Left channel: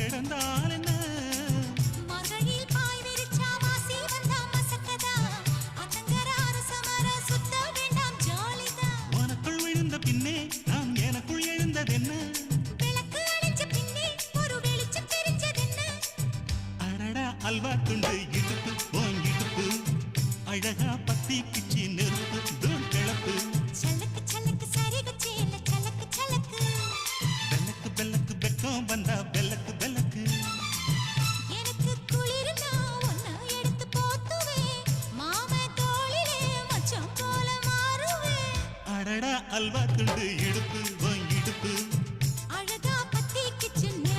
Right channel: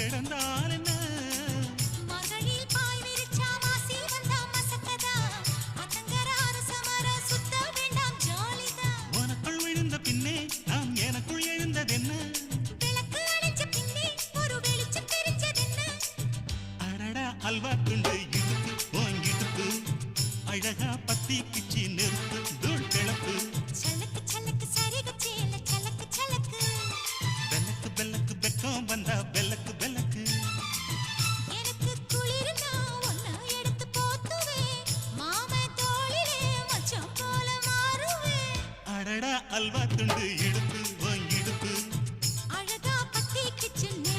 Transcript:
கிடந்தால் என்ன மகளில் பாய் விரிச்சா மாசி வந்தா மசக்கதா அத்தங்கராறு சமர சுத்த வேண்டாம் ஜாலிதான் உனக்குள் விழுந்த பின்னே நான் எனக்குள் எழுந்ததென்ன விளக்கு அணைஞ்ச பின்னே ஒரு வெளிச்சம் தெரிஞ்சதென்ன அடடா அல்வா துண்டு இடுப்பு ஓங்கிடுப்பு அழகா பத்தி கிச்சி நெருப்பு தூள் கிளப்பு சலக்கு சலக்கு சரிகச்சேல சலக்கு சலக்கு பெல்லக்கு பெல்லக்கு பெக்கம் வந்தா பெல்லக்கு பெல்லக்கு எனக்கு குளிர்னா ஒன்ன எடுத்து போத்துவே மாம தோளிலே மச்சம் போல மாறுவே அடடா அல்வா துண்டு இடுப்பு ஓங்கிடுப்பு